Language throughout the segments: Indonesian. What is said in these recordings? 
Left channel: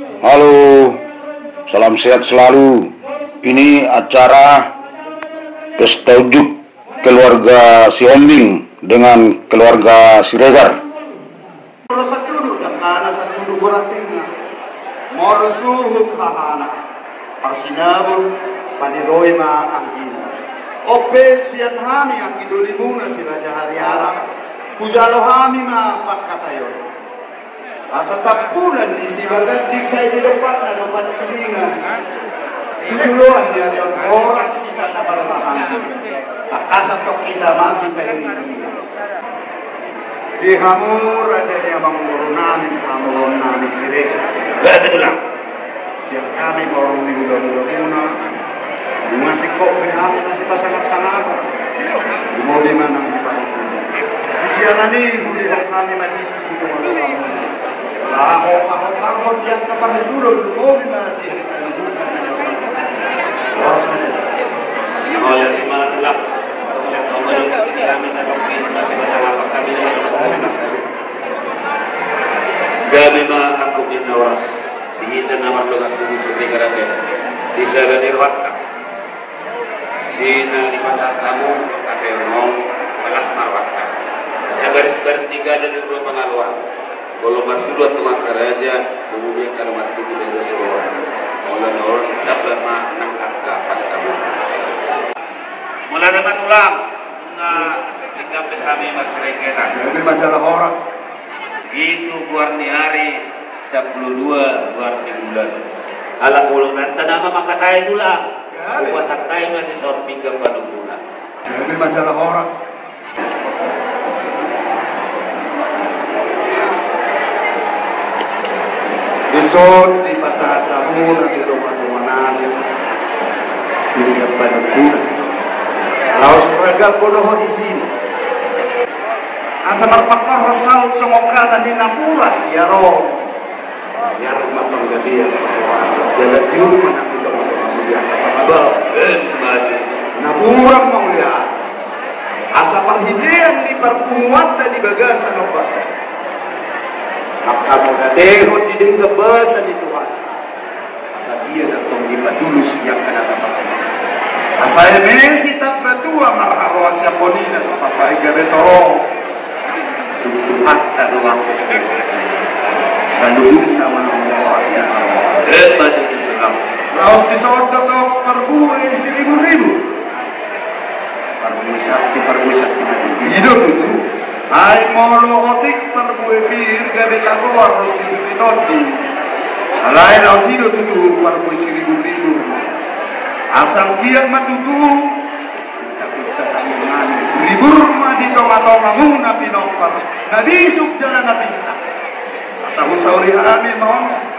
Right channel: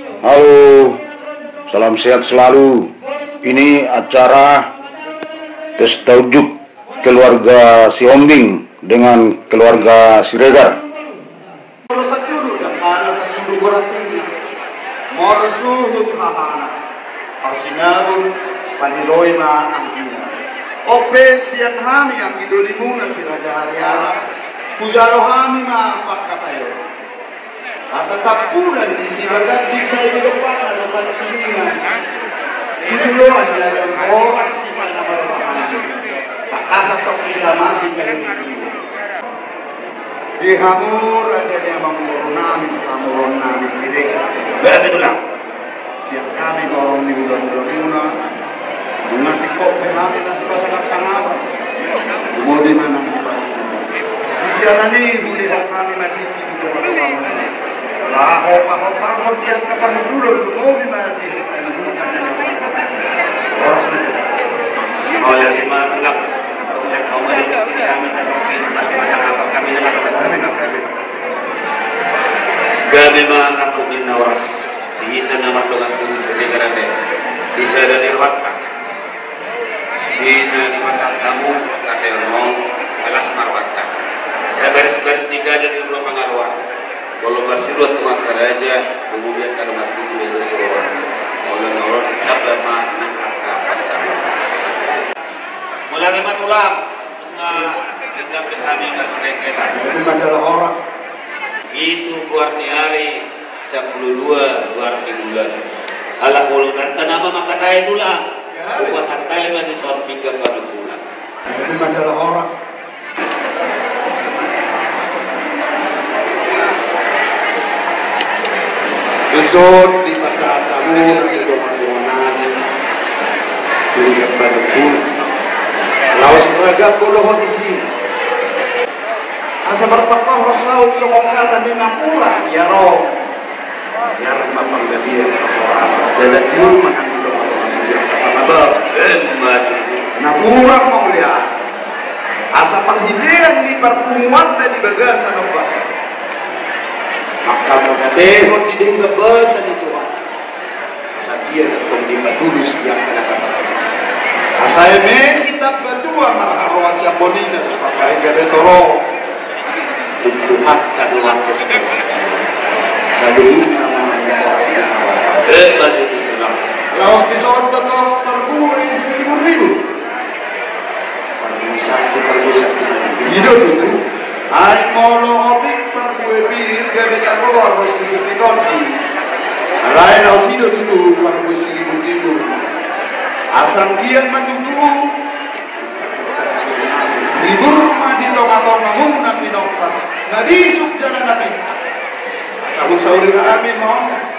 Halo, salam sehat selalu. Ini acara Taujuk keluarga Siombing dengan keluarga Siregar. Opesian hami ang idolimuna si Raja Haryana, Pujalohami ma pakatayo. Asa tapunan di silakan di saya di depan ada pantungan. Itulah dia yang orang sih kata bertahan. Tak kasar tok kita masih pengen di hamur aja dia mamurunami sirega. Gak ada siap kami borong di udah masih kok kami masih pasang-pasang mau di mana di siaran ini budi kami mati itu lah hop yang kapan dulu mau di mana di sana oh ya di mana lah untuk yang kau mau kami saya masih apa kami dalam gak memang aku minawas dihitan orang dengan tulis segera di sana di fakta di pasar kamu ada yang mau kelas nawata saya baris-baris tiga dari dua pengaluan kalau masih dua teman kerja kemudian kalimat itu dari seorang oleh orang tak lama mengangkat pasar mulai dengan tulang hingga kami masyarakat ini masalah orang itu kuarti hari 12 kuarti bulan ala bulunan tanama maka tayo tulang puasa tayo man di samping ka panukunan. Ini masalah orang. Besok di pasar kamu di rumah di panukunan. Laos praga puluh di sini. Asa berpakor saud semongkar dan dinapurat ya roh. Ya mapang gabi ya. Dalam rumah Napurang mau lihat asa perhidian di pertemuan jadi bagasan opas maka modeho di dengga basa di Tuhan asa dia datang di batulus yang kena dapat asa emesi tak batua marharuan siap bonina pakai gade toro tuhan tak langsung selalu hebat itu laos disodot perbulan 1.000 perbulan hidup itu ay molo otik perbulan bir gabe keluar rosi di tolbi alai laos hidup itu perbulan 1.000 asal dia matutu ribur mah di tong-tong namun nabi nokar nabi sukjana nabi sahur-sahuri amin mohon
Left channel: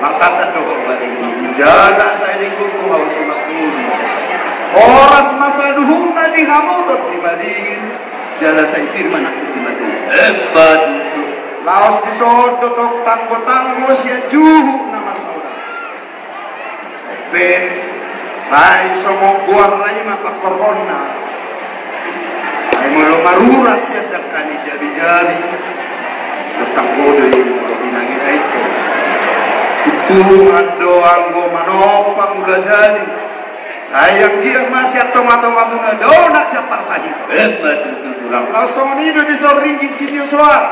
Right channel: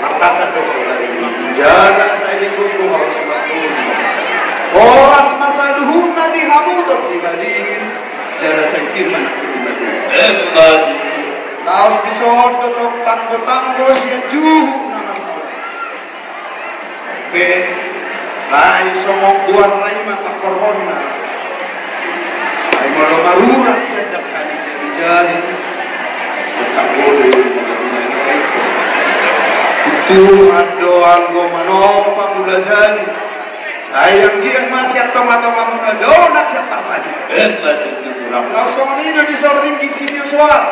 matakan doa dari jana saya dikumpul harus semakin oras masa duhun tadi hamu untuk dibandingin jana saya firman dibandingin hebat laos disod untuk tanggo-tanggo siya juhu nama saya semua buat lagi maka corona saya malu-maluran sedang kali jari-jari tentang boleh Tuhan doa gua menopang udah jadi sayang dia masih atau-atau mengadonak siapa saja hebat itu tulang kosong ini bisa ringgit sini soal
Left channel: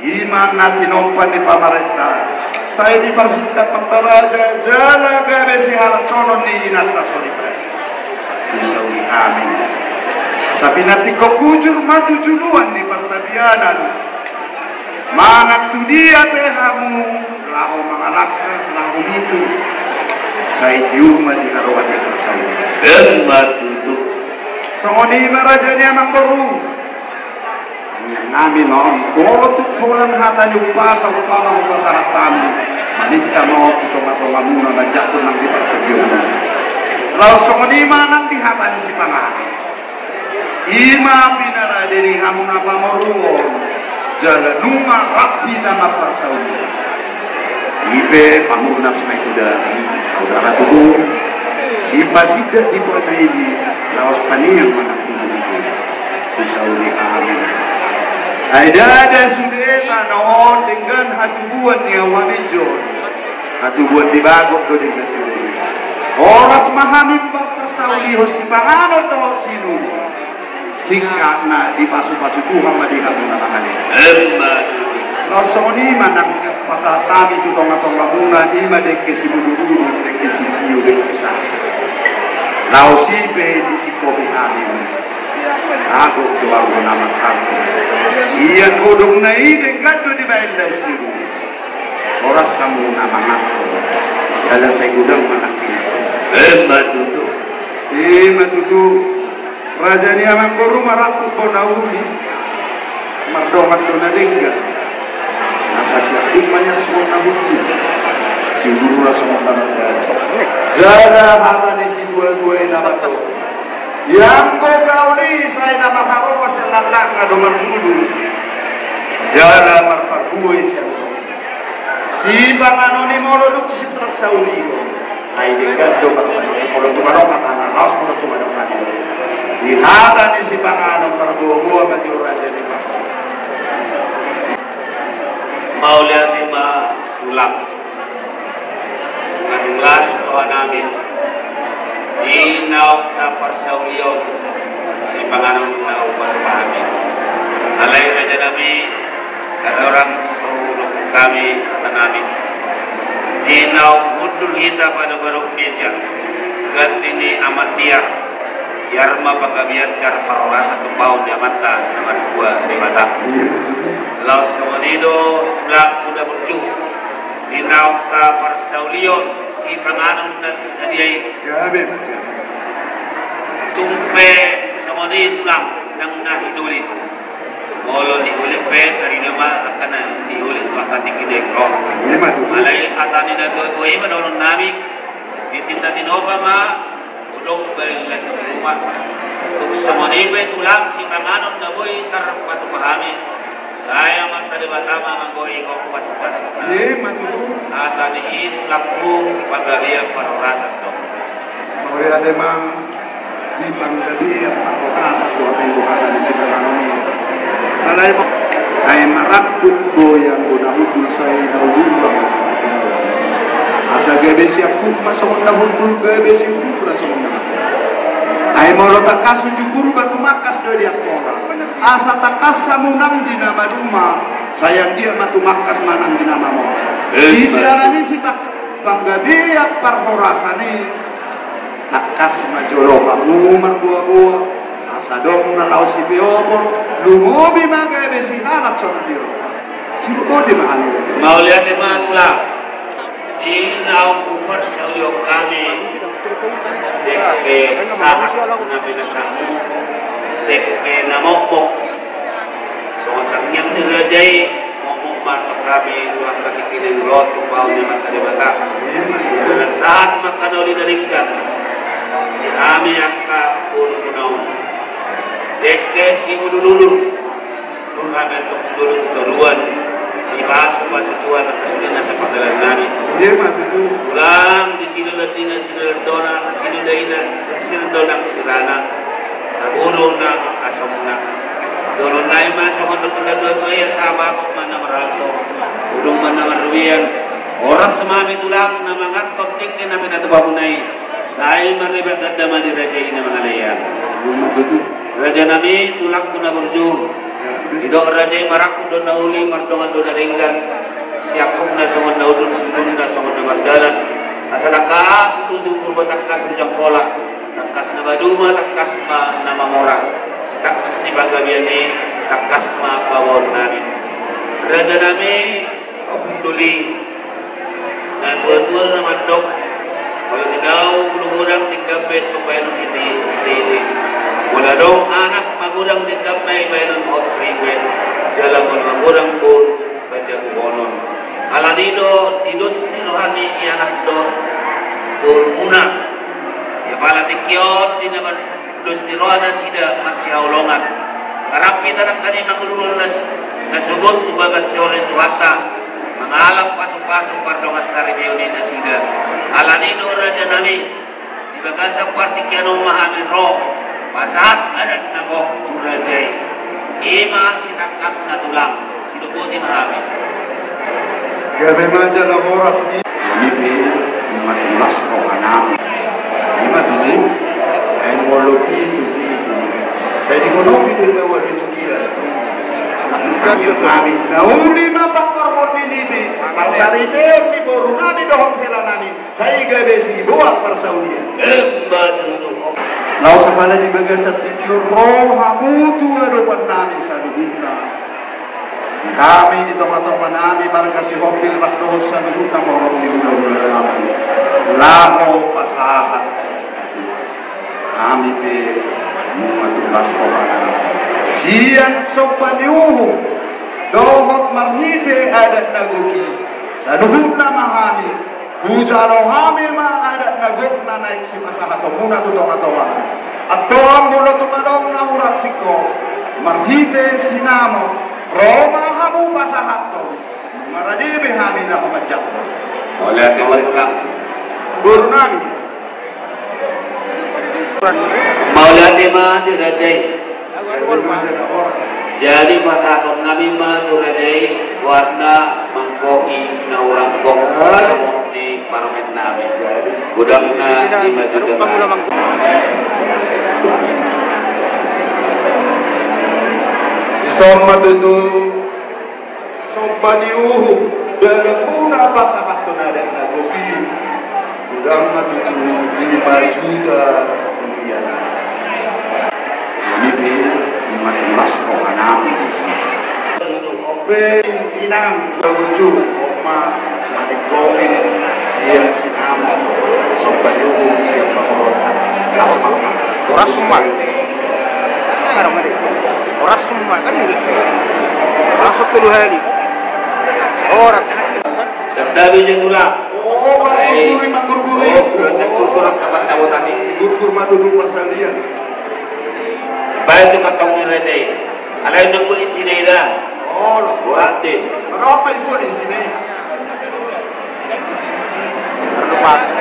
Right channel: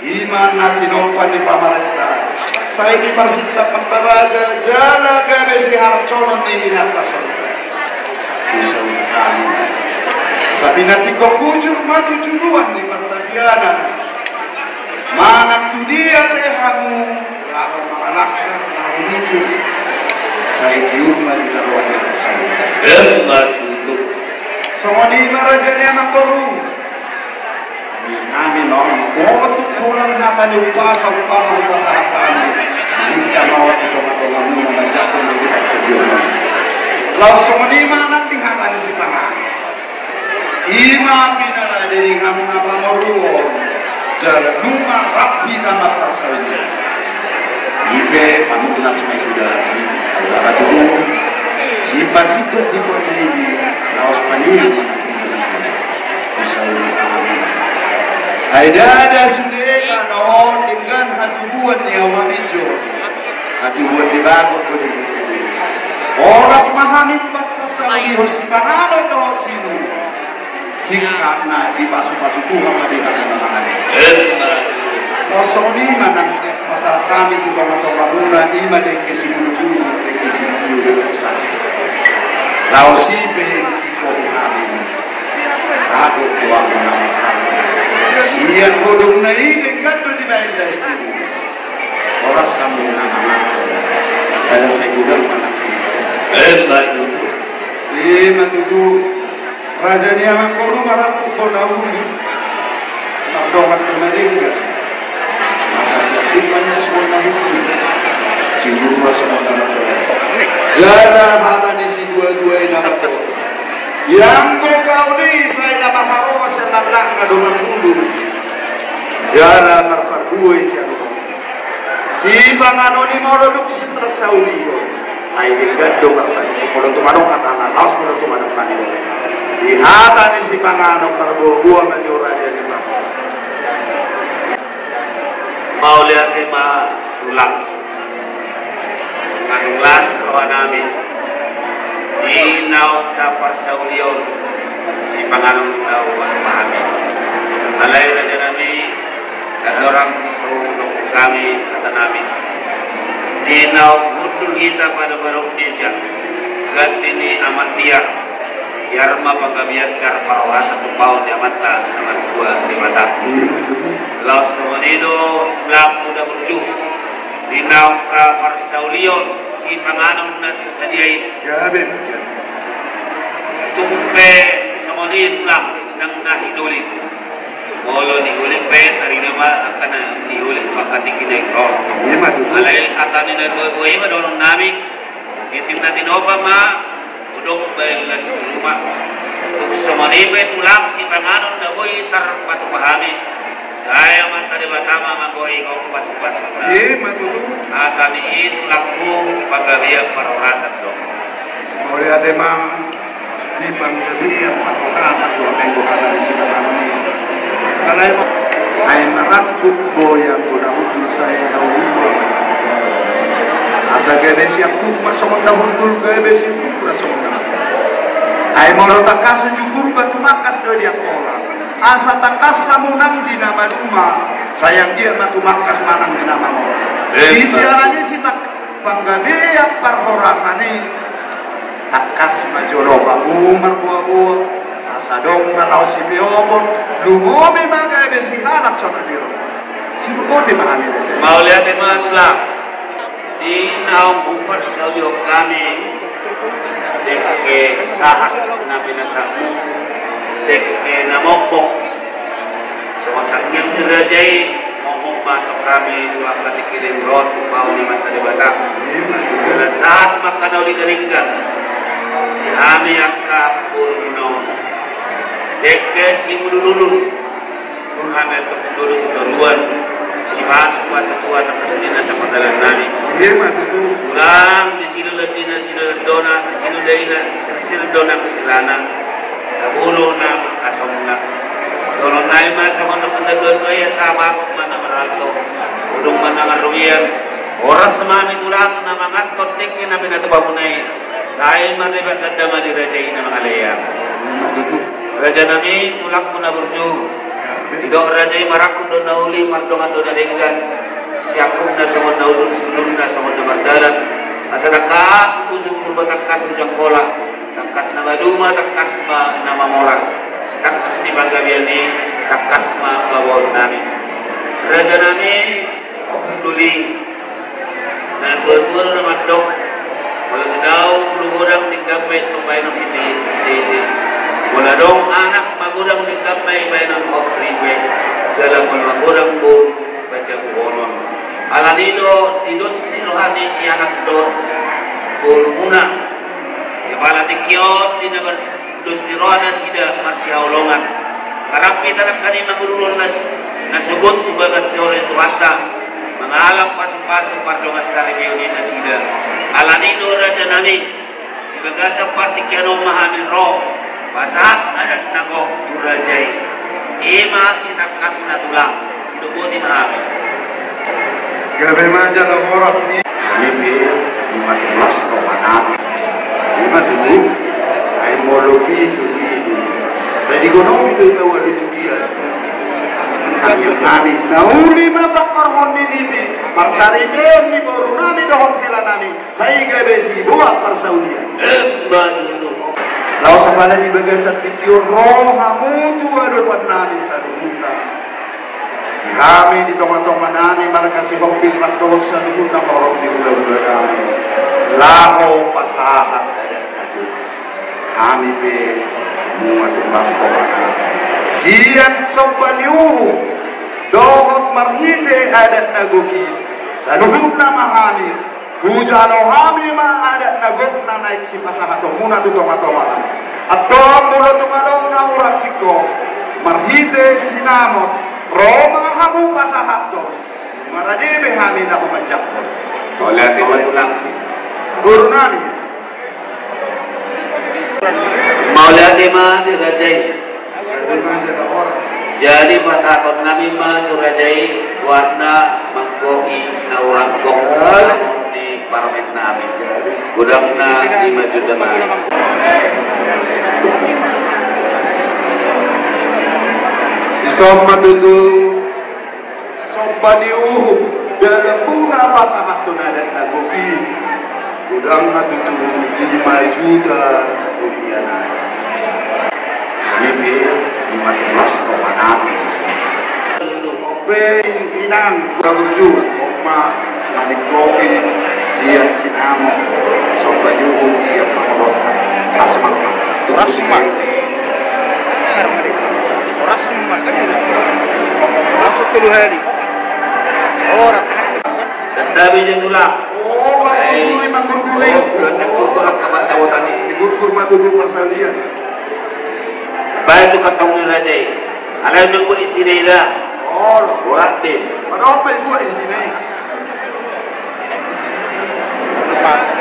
iman nanti nompan di pamarentah saya di Persita Pentaraja jana gabe si harap colon di inata sorry bisa kami sabi nanti kau kujur maju juruan di pertanianan mana tu dia tehamu anak-anak itu saya cuma di lawan itu saya hebat itu semua ini raja dia nak perlu kami mau untuk orang hata di pasar kami kita mau itu atau kamu ngajak pun nanti perjuangan lalu semua ini nanti hata di si panah ima pinara dari kamu apa meruang jalan rumah rapi nama persaudara ibe pamuna semai kuda saudara tuh siapa di kota ini laos paniang menanti bisa amin Ada sudah kanon dengan hatubuan ni awam hijau. Hatubuan di bagot ko din. Oras mahamit bato sa uliho si pangano to sinu. Sikap na di pasu-pasu Tuhan madihan mo na mahali. Rasoni manang pasatami tu tong-tong bangunan ima de kesimulu de kesimulu de besar. Lausi be si kopi hari. Aku kuat menamakan. Sian bodong na dengan tu di bayi destinu. Orang samu nama aku. Ada saya gudang menakis. Matutu. Raja ni amang koru maratu konauli. Magdomat tu na dingga. Masa siap dimana semua nahutu. Siguro semua nahutu. Jara hata ni si dua-dua nama tu. Yang kau ni saya nama haro selalang ngadoman dulu. Jara marpadue siapa. Si bangano ni modok si terus saudi. Ai dekat dok kalau tu mana kata laos kalau tu mana mana. Di hata ni si bangano marpadue menjora dia. Mau lihat lima tulang ngelas roh nami inaw na parsauliyon si pangalong tao pagpahami alay na dyan nami orang sulong kami kata namin inaw budul hita panugarong meja ganti ni amatia yarma pagabiyat kar parorasa tumpaw ni amata naman dua di mata Los Monido Blang Muda Burju Dinaw ka Parsaulion si panganong na sasadiay tumpe sa Monido lang nang nahinulit Molo ni ulit pe tari nama akan diulit wakati kita ikro alay atani na tuway manonong nami itim natin opa ma udong balas rumah tuk sa Monido tulang si panganong na boy tar patupahami saya mantari batama manggohi kau pasuk-pasuk. Matu. Atani itu laku pagabia parorasan dong. Oleh ademang di pagabia parorasan dong yang bukan dari sebuah ini. Alay mo ay marakut boyang gunahudul saya dahulu. Asa gede siap pun masuk dahulu gede siap masuk. Ay mau takas sejukuru batu makas do dia orang. Asa takas samunang di nama rumah sayang dia matu makas manang di nama mo di siaranya si tak panggadia parhorasani takas majolo kamu buah-buah asa dong na tau si biopon lumobi maga besi anak contoh si bukoti mahali mau lihat mga tulak di nawang bupar sa uliok kami deke saak na binasaku deke namokok so matangnyang dirajay momok batok kami dua katikiling rot tumpaw ni matari bata dala saat makanaw ni daringgan ihami angka puro munaw deke si ulululul nurhami ang tukudulul utaruan ibasok masatuan at kasulina sa panggalan namin ulang di sinulat din ang sinulat doon sinulat ang sirana nabulo na asong na doon na yung mga sa mga doon mo ay sama ko man na marato ulong man na maruyan oras sa mami tulang na mga tonting na minatuba mo na yun sa'yo maribagad na madirajay na mga layan raja nami tulak ko na burju Idok rajay marakun doon na uli mardongan doon na ringgan siakum na samad na udun sulun na samad na mardalan asa nakak tujuh kurba takkas ujang kola takkas na maduma takkas ma na mamora si takkas ni bagabian ni takkas ma bawon nami raja nami duli na tuan-tuan na madok wala tinaw lugurang tingkapit tumpay ng iti wala dong anak magudang tingkapay ng hot freeway jalan magudang pun baca buhonon ala dito tidos tinuhani anak do muna pala tikiot di naman dos tiroana sida marsiaulongan karapi tanang kani magulungan na sugot tubagat jore tuwata mengalap pasuk-pasuk pardongas saribiyoni na sida ala dito raja nami ibagasa partikyan mahamin roh pasat anak nako urajay Ima sinangkas na tulang. Sinubuti mahami. Gabi maja na oras ni. Kami mas ko manami. Lima dulu. Ay mologi tuki. Saya dikonomi do ikaw dito gila. Nami nauli na bakar honi nibi. Marsari ni boru nami do hotel nami. Saya gabe si buat persaulia. Betul. Lalu sekali di bagai setiap roh kamu tua depan nami saduhuna. Kami di teman-teman nami markasi mobil makdosa saduhuna orang di udah nami. Lalu pasahat kami be mengatakan masalah. Siang sobaniuhu dohok marhite adat nagoki saduhuna mahami. Hujalo hamil ma ada nagok na naik si pasahat muna tu toma-toma. Atong mulo tumadong na urak siko. Marhite sinano. Roma hamu pasahat to. Maradibe hamil na kumajak. Oleh tulang. Gurnan. Maulati ma dirajai. Jadi pasahat nabi ma dirajai warna mangkoki na urang gong di parlemen nabi. Gudang na 5 juta na. Isama dulu sombaniuhu bila puna pasahat to na dan nagoki. Gudang na dulu 5 juta rupiah. Kami mas ko manami Ope inang baguju oma nadi kokin siat sinama sombaniuhu siat kamarota. Orasuman. Orasuman kan ini. Masuk 10 hari. Orang. Dabi jengulah. Oh, gurguri manggurguri. Kurang kapan sawotan ini. Gurgur matudu persalian. Baik tu katong na jay. Alam na ko isi nila. Oh, Burat din. berapa ibu di sini?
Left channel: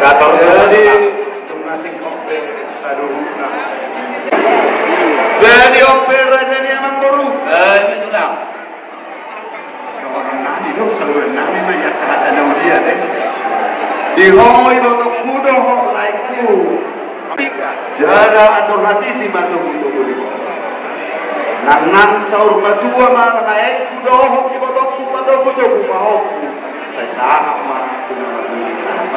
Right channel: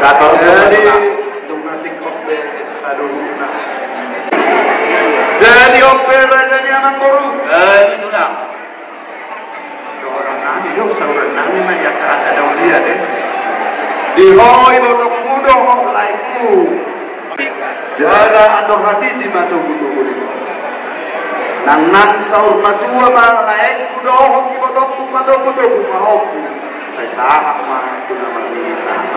Gator Jadi nasi kopi saduruna. Jadi opel rasanya mangguru. Itu dah. Orang nani itu saudara nani na yang ada dia deh. Di hoi botok mudo hok laiku. Jaga atau hati di mata mudo mudo. Nangan saur madua bang naik mudo hok di botok mudo mudo mudo hok. Saya sahat mah itu nama ini sahat.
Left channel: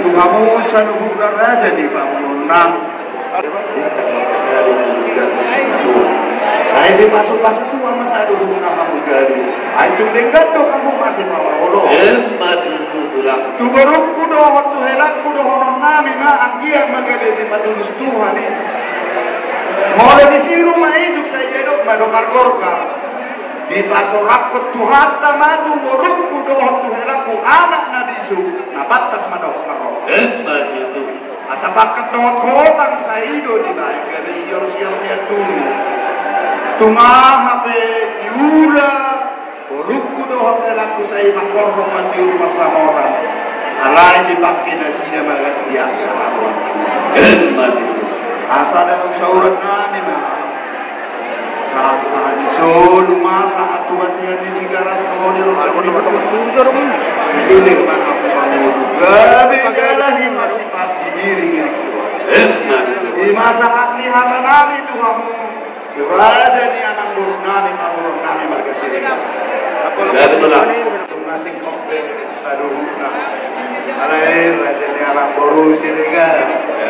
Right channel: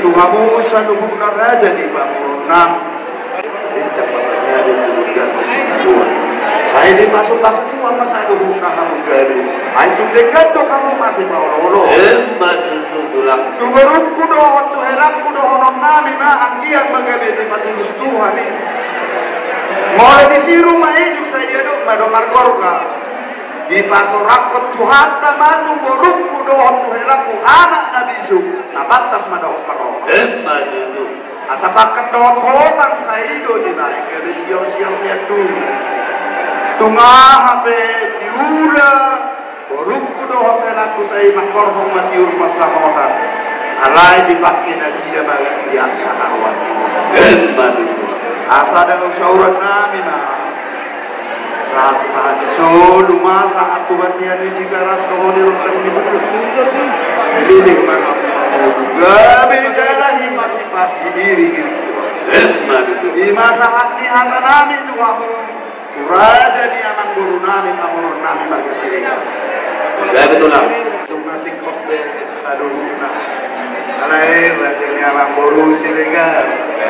Tuhamu saluhuk raja di bangunan. Saya dimasuk-masuk tuh sama saya dulu kamu dari. Itu dekat tuh kamu masih mau lolo. Begitu tulang. Tu beruk kudo tu helak kudo honom nami ma anggiang magabe di patulus Tuhan ini. Mau disiru mah itu saya hidup mado margorka. Di pasorak ke Tuhan tamatu beruk kudo tu helak ku anak nabisu. Nabatas mado karo. Begitu. Asa paket dot hotang saya itu di baik. Kebe siap-siap lihat dulu. Tumaha pe diula borukku do hotel aku saya mangkor mati rumah sahabat alai dipakai nasi dan bagat dia kawan asa dan syauran nami saat solu masa atu batian di garas kemudian sedulik gabe jalahi masih pas di diri di masa hati hati nami Tuhanmu Raja ni anak guru nami berkesini. Ya betul lah. Nasi kopi saduruna. Alai raja ni anak guru siregar.